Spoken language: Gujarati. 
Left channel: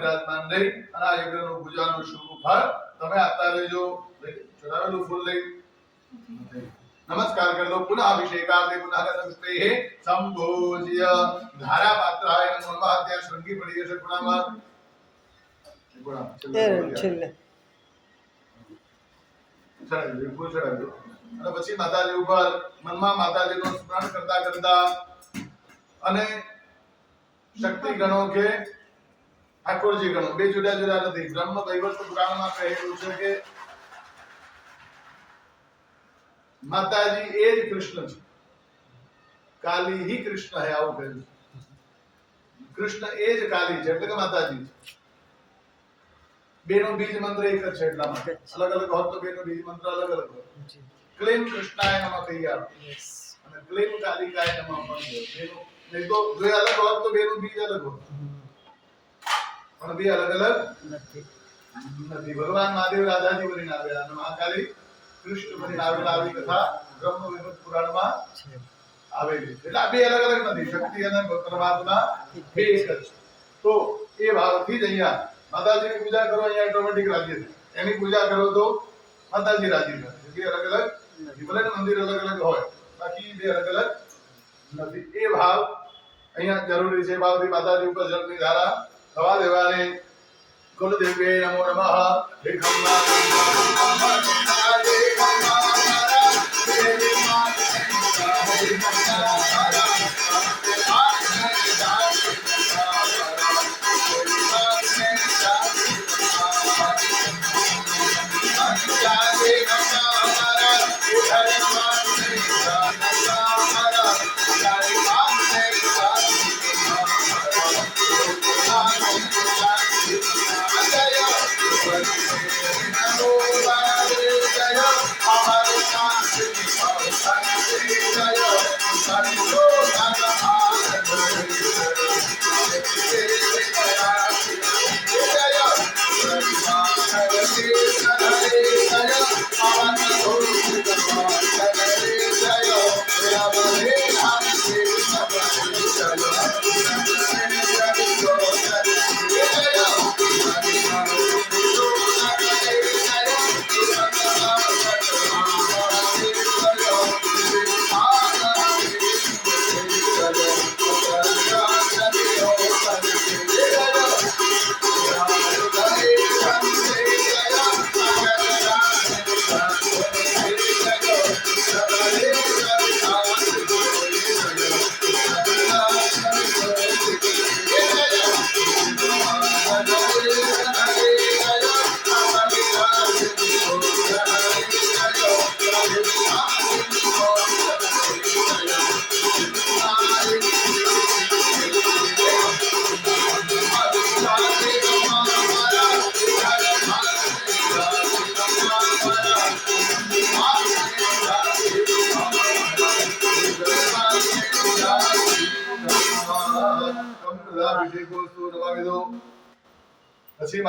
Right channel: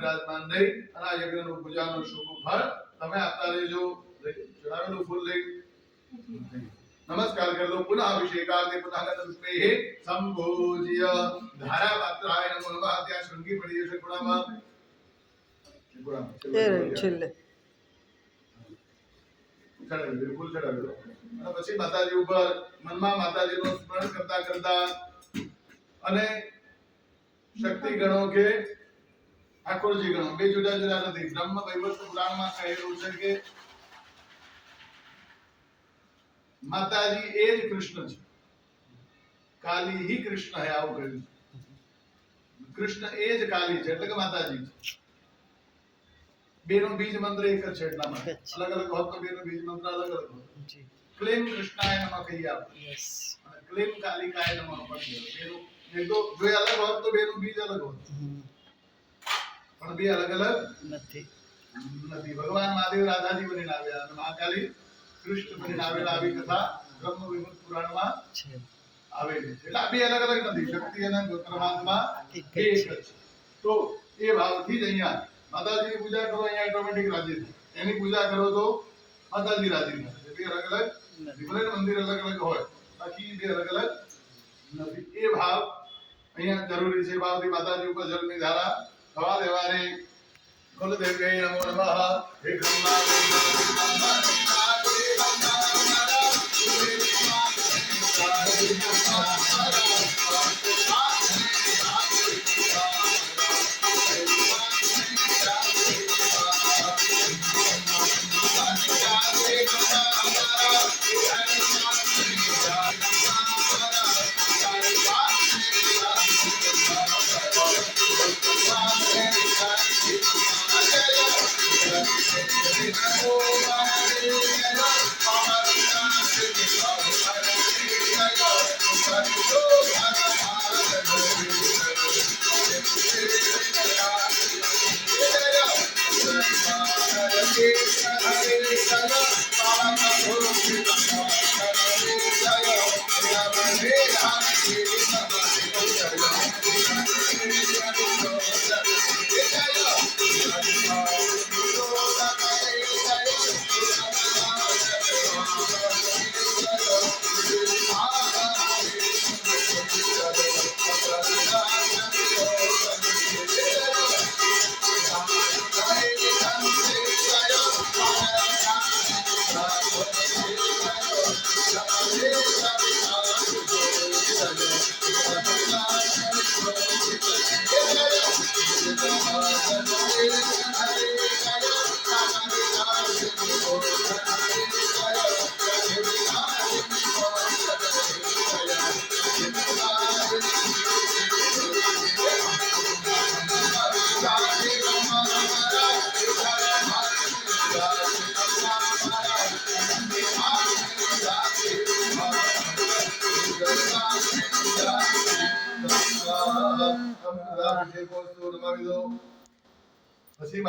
બિરાજમાન રહી અને આ યજ્ઞનું પૂજાનું શુભ ફળ તમે આપતા રહેજો. ચડાવેલું ફૂલ લઈ નમસ્કાર કરી દો. પુનઃ અભિષેકાર્થે પુનઃ ગતસ્તેહે સંભોજ્ય ધારા પાત્રાય નમઃ. ત્યાં શૃંગી પડી જશે ગુણામાં છેલ્લે ચડાવી ફૂલ ચડાવી અને પછી માતાજી ઉપર મનમાં માતાજીનું સ્મરણ કરતા કરતા અને શક્તિ ગણો કે ઠાકોરજી ગણો બે જુદા જુદા નથી. બ્રહ્મ વૈવર્ત પુરાણમાં કહેલું છે કે માતાજી એ જ કૃષ્ણ છે, કાલી ही કૃષ્ણ है આવું કહ્યું. કૃષ્ણ એ જ કાલી છે એટલે કે માતાજી છે. બેનો બીજ મંત્ર એક જ છે એટલા માટે અલગ અલગ હોત તો બેનો બીજ મંત્ર અલગ અલગ હોત. ક્લીમ કૃષ્ણાય નમઃ કહી આપ અને ક્લીમ કાલિકાય નમઃ પણ બેનો નહીં તો જો અલગ હોત તો બેનો બીજ અલગ હોત પણ બે અલગ અલગ નથી. ભગવાન મહાદેવ રાધાજી બનીને આવ્યા અને મહાકાલી કૃષ્ણ બનીને આવેલા આવી કથા બ્રહ્મ વૈવર્ત પુરાણમાં આવેલી છે. એટલે આ બે અલગ અલગ નથી. શક્તિ અને પરમાત્મા એક જ છે. તો એ ભાવથી જ અહીંયા માતાજીની પૂજા કરો અહીંયા ઓટોમેટિક રાજી થાય. એની પૂજા કરો તો માતાજી રાજી થાય. બે અલગ અલગ નથી. ભલે મંદિર અલગ અલગ હોય બાકી બે અલગ અલગ નથી. એ ભાવ અહીંયા જરૂરી છે. ભાવથી માતાજી ઉપર જળની ધારા થવા દેવાની. કુલદેવી નમો નમઃ. હે ખમ્મા પછી